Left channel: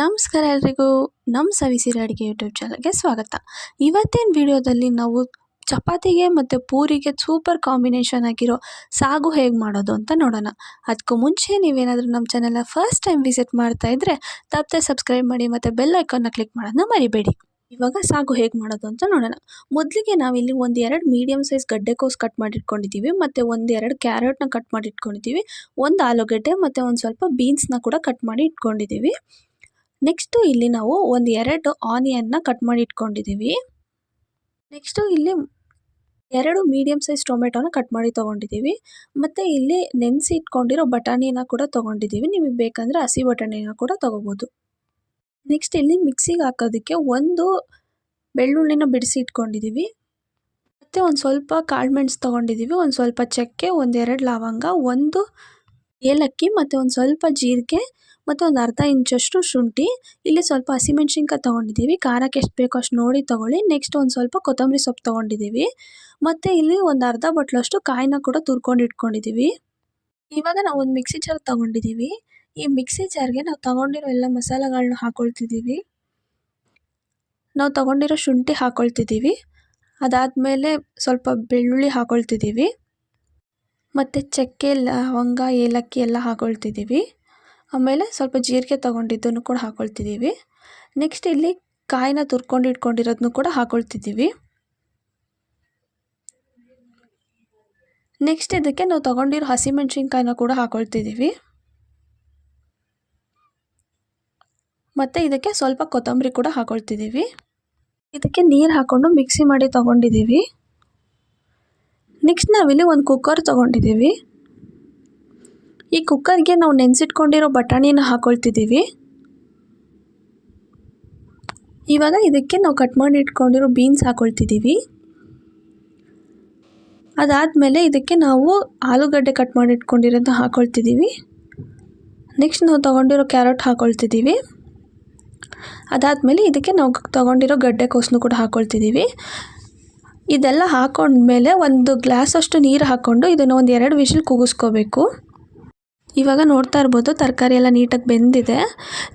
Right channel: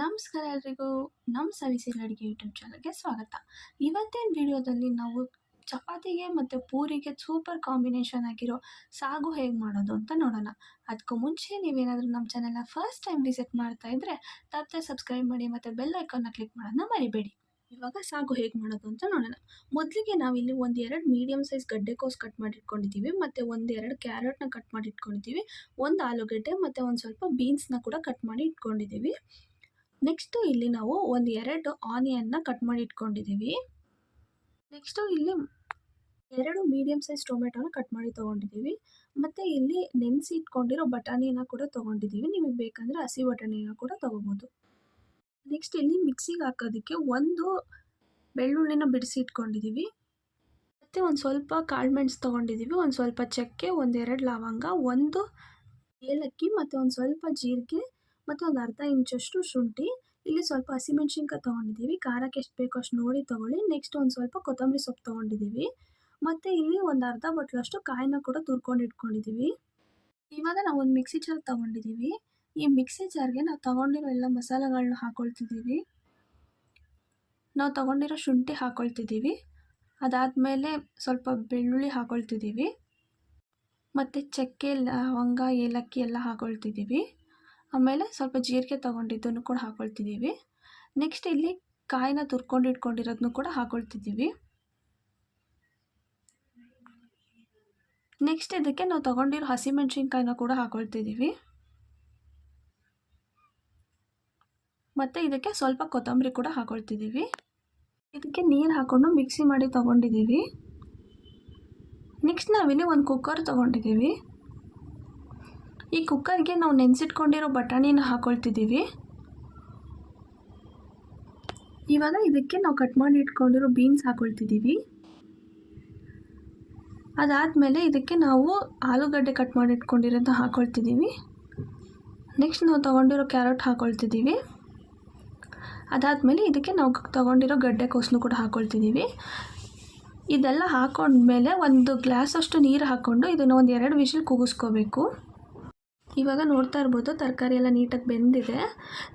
ನಮಸ್ಕಾರ ಎಲ್ರಿಗೂ. ನಮ್ಮ ಸವಿಸಿರಿ ಅಡುಗೆ ಯೂಟ್ಯೂಬ್ ಚಾನಲ್ಗೆ ಸ್ವಾಗತ. ಇವತ್ತಿನ ವಿಡಿಯೋದಲ್ಲಿ ನಾವು ಚಪಾತಿಗೆ ಮತ್ತು ಪೂರಿಗೆ ಸೂಪರ್ ಕಾಂಬಿನೇಷನ್ ಆಗಿರೋ ಸಾಗು ಹೇಗೆ ಮಾಡೋದು ಅಂತ ನೋಡೋಣ. ಅದಕ್ಕೂ ಮುಂಚೆ ನೀವೇನಾದರೂ ನಮ್ಮ ಚಾನಲ್ನ ಫಸ್ಟ್ ಟೈಮ್ ವಿಸಿಟ್ ಮಾಡ್ತಾ ಇದ್ದರೆ ತಪ್ಪದೆ ಸಬ್ಸ್ಕ್ರೈಬ್ ಮಾಡಿ ಮತ್ತು ಬೆಲ್ ಐಕಾನ್ನ ಕ್ಲಿಕ್ ಮಾಡೋದನ್ನ ಮರಿಬೇಡಿ. ಇವಾಗ ಸಾಗು ಹೇಗೆ ಮಾಡೋದು ಅಂತ ನೋಡೋಣ. ಮೊದಲಿಗೆ ನಾವಿಲ್ಲಿ ಒಂದು 2 ಮೀಡಿಯಮ್ ಸೈಜ್ ಗಡ್ಡೆಕೋಸು ಕಟ್ ಮಾಡಿಟ್ಕೊಂಡಿದ್ದೀವಿ ಮತ್ತು 1-2 ಕ್ಯಾರೆಟ್ನ ಕಟ್ ಮಾಡಿ ಇಟ್ಕೊಂಡಿದ್ದೀವಿ, ಒಂದು ಆಲೂಗಡ್ಡೆ ಮತ್ತು ಒಂದು ಸ್ವಲ್ಪ ಬೀನ್ಸ್ನ ಕೂಡ ಕಟ್ ಮಾಡಿ ಇಟ್ಕೊಂಡಿದ್ದೀವಿ. ನೆಕ್ಸ್ಟು ಇಲ್ಲಿ ನಾವು 1-2 ಆನಿಯನ್ನ ಕಟ್ ಮಾಡಿ ಇಟ್ಕೊಂಡಿದ್ದೀವಿ. ನೆಕ್ಸ್ಟು ಇಲ್ಲಿ 2 ಮೀಡಿಯಮ್ ಸೈಜ್ ಟೊಮೆಟೊನ ಕಟ್ ಮಾಡಿ ತೊಗೊಂಡಿದ್ದೀವಿ ಮತ್ತು ಇಲ್ಲಿ ನೆನೆಸಿ ಇಟ್ಕೊಂಡಿರೋ ಬಟಾಣಿನ ಕೂಡ ತೊಗೊಂಡಿದ್ದೀವಿ. ನಿಮಗೆ ಬೇಕಂದರೆ ಹಸಿ ಬಟಾಣಿನ ಕೂಡ ತೊಗೋಬೋದು. ನೆಕ್ಸ್ಟ್ ಇಲ್ಲಿ ಮಿಕ್ಸಿಗೆ ಹಾಕೋದಕ್ಕೆ ಒಂದು ಬೆಳ್ಳುಳ್ಳಿನ ಬಿಡಿಸಿ ಇಟ್ಕೊಂಡಿದ್ದೀವಿ ಮತ್ತು ಒಂದು ಸ್ವಲ್ಪ ಕಾಳುಮೆಣಸು ತೊಗೊಂಡಿದ್ದೀವಿ, ಒಂದು ಸ್ವಲ್ಪ ಚಕ್ಕೆ, 1-2 ಲವಂಗ, 1 ಏಲಕ್ಕಿ ಮತ್ತು ಒಂದು ಸ್ವಲ್ಪ ಜೀರಿಗೆ ಮತ್ತು ಒಂದು ಅರ್ಧ ಇಂಚಷ್ಟು ಶುಂಠಿ. ಇಲ್ಲಿ ಸ್ವಲ್ಪ ಹಸಿಮೆಣ್ಸಿನ್ಕಾಯಿ ತೊಗೊಂಡಿದ್ದೀವಿ, ಖಾರಕ್ಕೆ ಎಷ್ಟು ಬೇಕೋ ಅಷ್ಟು ನೋಡಿ ತೊಗೊಳ್ಳಿ. ನೆಕ್ಸ್ಟ್ ಒಂದು ಸ್ವಲ್ಪ ಕೊತ್ತಂಬರಿ ಸೊಪ್ಪು ತೊಗೊಂಡಿದ್ದೀವಿ ಮತ್ತು ಇಲ್ಲಿ ಒಂದು ಅರ್ಧ ಬಟ್ಲಷ್ಟು ಕಾಯಿನ ಕೂಡ ತುರ್ಕೊಂಡು ಇಟ್ಕೊಂಡಿದ್ದೀವಿ. ಇವಾಗ ನಾವು ಒಂದು ಮಿಕ್ಸಿ ಜಾರ್ ತೊಗೊಂಡಿದ್ದೀವಿ. ಈ ಮಿಕ್ಸಿ ಜಾರ್ಗೆ ನಾವು ತೊಗೊಂಡಿರೋ ಎಲ್ಲ ಮಸಾಲೆಗಳನ್ನ ಹಾಕ್ಕೊಳ್ತಿದ್ದೀವಿ. ನಾವು ತೊಗೊಂಡಿರೋ ಶುಂಠಿ ಹಾಕ್ಕೊಳ್ತಿದ್ದೀವಿ, ಅದಾದಮೇಲೆ ಸ್ವಲ್ಪ ಬೆಳ್ಳುಳ್ಳಿ ಹಾಕ್ಕೊಳ್ತಿದ್ದೀವಿ ಮತ್ತು ಚಕ್ಕೆ, ಲವಂಗ, ಏಲಕ್ಕಿ ಎಲ್ಲ ಹಾಕ್ಕೊಳ್ತಿದ್ದೀವಿ. ಆಮೇಲೆ ಸ್ವಲ್ಪ ಜೀರಿಗೆ ತೊಗೊಂಡಿದ್ದನ್ನು ಕೂಡ ಹಾಕ್ಕೊಳ್ತಿದ್ದೀವಿ. ನೆಕ್ಸ್ಟ್ ಇಲ್ಲಿ ಕಾಯಿನ ತುರ್ಕೊಂಡು ಇಟ್ಕೊಂಡಿರೋದನ್ನು ಕೂಡ ಹಾಕ್ಕೊಳ್ತಿದ್ದೀವಿ. ನೆಕ್ಸ್ಟ್ ಇದಕ್ಕೆ ನಾವು ತೊಗೊಂಡಿರೋ ಹಸಿಮೆಣ್ಸಿನ್ಕಾಯಿನ ಕೂಡ ಹಾಕ್ಕೊಳ್ತಿದ್ದೀವಿ ಮತ್ತು ಇದಕ್ಕೆ ಸ್ವಲ್ಪ ಕೊತ್ತಂಬರಿ ಕೂಡ ಹಾಕ್ಕೊಳ್ತಿದ್ದೀವಿ. ಇದಕ್ಕೆ ನೀರು ಹಾಕ್ಕೊಂಡು ಮಿಕ್ಸಿ ಮಾಡಿ ತೊಗೊಂಡಿದ್ದೀವಿ. ನೆಕ್ಸ್ಟ್ ನಾವಿಲ್ಲಿ ಒಂದು ಕುಕ್ಕರ್ ತೊಗೊಂಡಿದ್ದೀವಿ. ಈ ಕುಕ್ಕರ್ಗೆ ನಾವು ನೆನೆಸಿಟ್ಕೊಂಡಿರೋ ಬಟಾಣಿನ ಹಾಕ್ಕೊಳ್ತಿದ್ದೀವಿ. ಇವಾಗ ಇದಕ್ಕೆ ನಾವು ಕಟ್ ಮಾಡಿ ಇಟ್ಕೊಂಡಿರೋ ಬೀನ್ಸ್ ಹಾಕ್ಕೊಳ್ತಿದ್ದೀವಿ. ಅದಾದಮೇಲೆ ಇದಕ್ಕೆ ನಾವು ಆಲೂಗಡ್ಡೆ ಕಟ್ ಮಾಡಿ ಇಟ್ಕೊಂಡಿರೋದನ್ನ ಹಾಕ್ಕೊಳ್ತಿದ್ದೀವಿ. ನೆಕ್ಸ್ಟ್ ನಾವು ತೊಗೊಂಡಿರೋ ಕ್ಯಾರೆಟ್ ಹಾಕ್ಕೊಳ್ತಿದ್ದೀವಿ. ಅದಾದಮೇಲೆ ಇದಕ್ಕೆ ನಾವು ತೊಗೊಂಡಿರೋ ಗಡ್ಡೆಕೋಸನ್ನು ಕೂಡ ಹಾಕ್ಕೊಳ್ತಿದ್ದೀವಿ. ಇದೆಲ್ಲ ಹಾಕ್ಕೊಂಡ್ಮೇಲೆ ಒಂದು ಗ್ಲಾಸಷ್ಟು ನೀರು ಹಾಕ್ಕೊಂಡು ಇದನ್ನು ಒಂದು 2 ವಿಷಲ್ ಕೂಗಿಸ್ಕೋಬೇಕು. ಇವಾಗ ನೋಡ್ತಾ ಇರ್ಬೋದು ತರಕಾರಿ ಎಲ್ಲ ನೀಟಾಗಿ ಬೆಂದಿದೆ.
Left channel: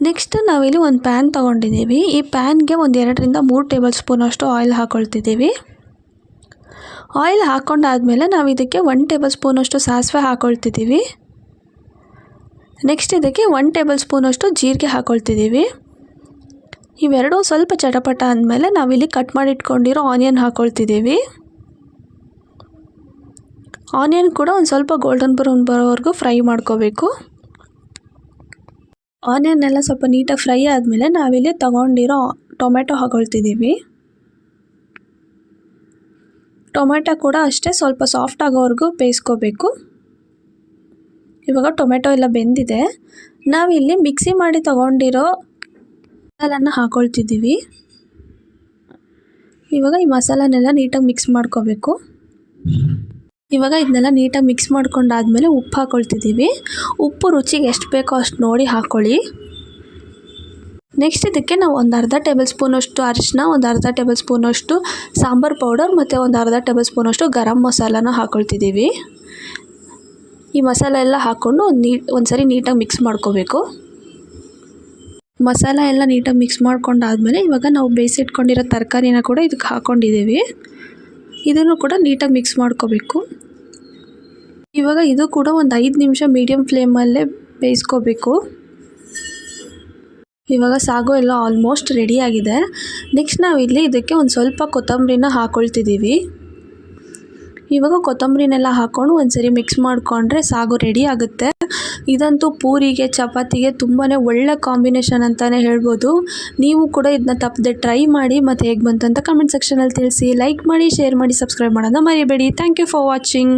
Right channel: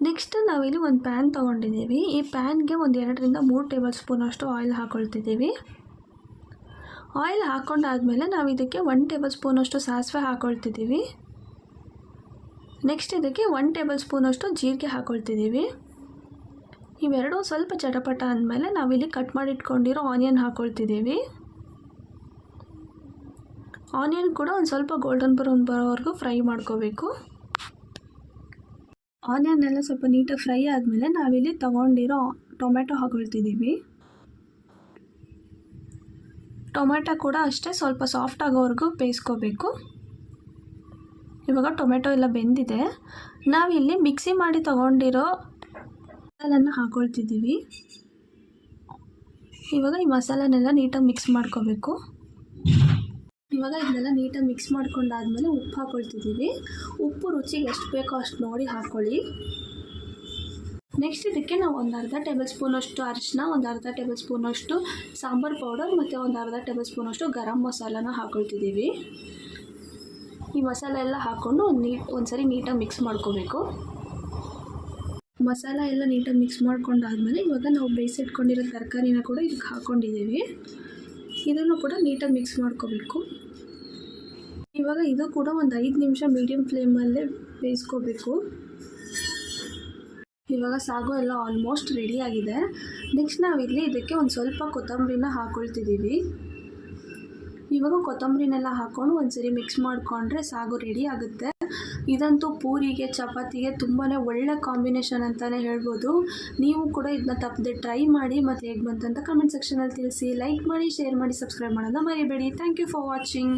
ನೆಕ್ಸ್ಟ್ ನಾವಿಲ್ಲಿ ಒಂದು ಪ್ಯಾನ್ ತೊಗೊಂಡಿದ್ದೀವಿ. ಈ ಪ್ಯಾನ್ಗೆ ಒಂದು 2-3 ಟೇಬಲ್ ಸ್ಪೂನಷ್ಟು ಆಯಿಲ್ ಹಾಕ್ಕೊಳ್ತಿದ್ದೀವಿ. ಆಯಿಲ್ ಹಾಕ್ಕೊಂಡಾದ್ಮೇಲೆ ನಾವು ಇದಕ್ಕೆ 1 ಟೇಬಲ್ ಸ್ಪೂನಷ್ಟು ಸಾಸಿವೆ ಹಾಕ್ಕೊಳ್ತಿದ್ದೀವಿ. ನೆಕ್ಸ್ಟ್ ಇದಕ್ಕೆ 1 ಟೇಬಲ್ ಸ್ಪೂನಷ್ಟು ಜೀರಿಗೆ ಹಾಕ್ಕೊಳ್ತಿದ್ದೀವಿ. ಇವೆರಡೂ ಸ್ವಲ್ಪ ಚಟಪಟ ಅಂದಮೇಲೆ ನಾವಿಲ್ಲಿ ಕಟ್ ಮಾಡಿ ಇಟ್ಕೊಂಡಿರೋ ಆನಿಯನ್ ಹಾಕ್ಕೊಳ್ತಿದ್ದೀವಿ. ಆನಿಯನ್ ಕೂಡ ಒಂದು ಸ್ವಲ್ಪ ಗೋಲ್ಡನ್ ಬ್ರೌನ್ ಬರೋವರೆಗೂ ಫ್ರೈ ಮಾಡ್ಕೋಬೇಕು. ಆನಿಯನ್ ಎಲ್ಲ ಸ್ವಲ್ಪ ನೀಟಾಗಿ ಫ್ರೈ ಆದಮೇಲೆ ನಾವಿಲ್ಲಿ ತೊಗೊಂಡಿರೋ ಟೊಮೆಟೊ ಹಾಕ್ಕೊಳ್ತಿದ್ದೀವಿ. ಟೊಮೆಟೊ ಕೂಡ ಅಷ್ಟೇ ಸ್ವಲ್ಪ ಸಾಫ್ಟ್ ಆಗೋವರೆಗೂ ಬೇಯಿಸ್ಕೋಬೇಕು. ಇವಾಗ ಟೊಮೆಟೊ ಎಲ್ಲ ಬೆಂದಿದೆ. ನಾವಿಲ್ಲಿ ಮಿಕ್ಸಿ ಮಾಡಿ ತೊಗೊಂಡಿರೋ ಮಸಾಲನ್ನ ಹಾಕ್ಕೊಳ್ತಿದ್ದೀವಿ. ಇವಾಗ ಈ ಮಸಾಲನೆಲ್ಲ ನೀಟಾಗಿ ಮಿಕ್ಸ್ ಮಾಡ್ಕೋಬೇಕು. ಇವಾಗ ಇದನ್ನೆಲ್ಲ ನೀಟಾಗಿ ಮಿಕ್ಸ್ ಮಾಡ್ಕೊಂಡಾದ್ಮೇಲೆ ಉಪ್ಪು ಹಾಕ್ಕೊಳ್ತಿದ್ದೀವಿ. ಉಪ್ಪು ರುಚಿಗೆ ಎಷ್ಟು ಬೇಕೋ ಅಷ್ಟು ನೋಡಿ ಹಾಕ್ಕೊಳ್ಳಿ. ನೆಕ್ಸ್ಟ್ ಇದಕ್ಕೆ ನಾವು ಒಂದು ಅರ್ಧ ಟೇಬಲ್ ಸ್ಪೂನಷ್ಟು ಅರಿಶಿನ, ಒಂದು ಅರ್ಧ ಟೇಬಲ್ ಸ್ಪೂನಷ್ಟು ಸಾಂಬಾರು ಪೌಡರ್ ಮತ್ತು ಒಂದು ಅರ್ಧ ಟೇಬಲ್ ಸ್ಪೂನಷ್ಟು ಗರಂ ಮಸಾಲಾನ ಹಾಕ್ಕೊಳ್ತಿದ್ದೀವಿ. ಈ ಮಸಾಲೆ ಎಲ್ಲ ಹಾಕ್ಕೊಂಡು ಒಂದು ಸರಿ ನೀಟಾಗಿ ಮಿಕ್ಸ್ ಮಾಡ್ಕೋಬೇಕು. ಮಸಾಲ ಎಲ್ಲ ನೀಟಾಗಿ ಮಿಕ್ಸ್ ಮಾಡ್ಕೊಂಡಾದ್ಮೇಲೆ ಇವಾಗ ನಾವು ಬೇಯಿಸಿಟ್ಕೊಂಡಿರೋ ತರಕಾರಿನ ಕೂಡ ಇದಕ್ಕೆ ಹಾಕ್ಕೊಂಡಿದ್ದೀವಿ. ಇದನ್ನು ಕೂಡ ನೀಟಾಗಿ ಮಿಕ್ಸ್ ಮಾಡ್ಕೋಬೇಕು. ಇವಾಗ ಇದು ಕೂಡ ಒಂದು 5 ನಿಮಿಷ ಮೀಡಿಯಮ್ ಫ್ಲೇಮಲ್ಲೇ ಬೇಯಿಸ್ಕೋಬೇಕು. ಇವಾಗ ಸಾಗು ಎಲ್ಲ ಆಲ್ಮೋಸ್ಟ್ ರೆಡಿಯಾಗಿದೆ. ನೆಕ್ಸ್ಟ್ ನಾವಿಲ್ಲಿ ಇದಕ್ಕೆ ಒಂದು ಸ್ವಲ್ಪ ಕೊತ್ತಂಬರಿನ ಹಾಕ್ಕೊಳ್ತಿದ್ದೀವಿ. ಇವಾಗ ಕೊತ್ತಂಬರಿನೆಲ್ಲ ಹಾಕ್ಕೊಂಡು ಒಂದು ಸರಿ ಮಿಕ್ಸ್ ಮಾಡಿಕೊಂಡ್ರೆ ಸಾಗು ರೆಡಿ ಆಗುತ್ತೆ. ಇದಂತೂ ಪೂರಿಗೆ, ಚಪಾತಿಗೆ ತುಂಬಾ ಒಳ್ಳೆ ಕಾಂಬಿನೇಷನ್ ಅಂತಲೇ ಹೇಳ್ಬೋದು. ನೀವು ಕೂಡ ಇದನ್ನ ತಪ್ಪದೆ ಟ್ರೈ ಮಾಡಿ ಮತ್ತು ಹೇಗೆ ಬಂತು ಅಂತ ಕಮೆಂಟ್ ಸೆಕ್ಷನಲ್ಲಿ ತಿಳಿಸಿ. ಲೈಕ್ ಮಾಡಿ, ಶೇರ್ ಮಾಡಿ, ಸಬ್ಸ್ಕ್ರೈಬ್ ಮಾಡೋದನ್ನ ಮರಿಬೇಡಿ. Thank you for watching.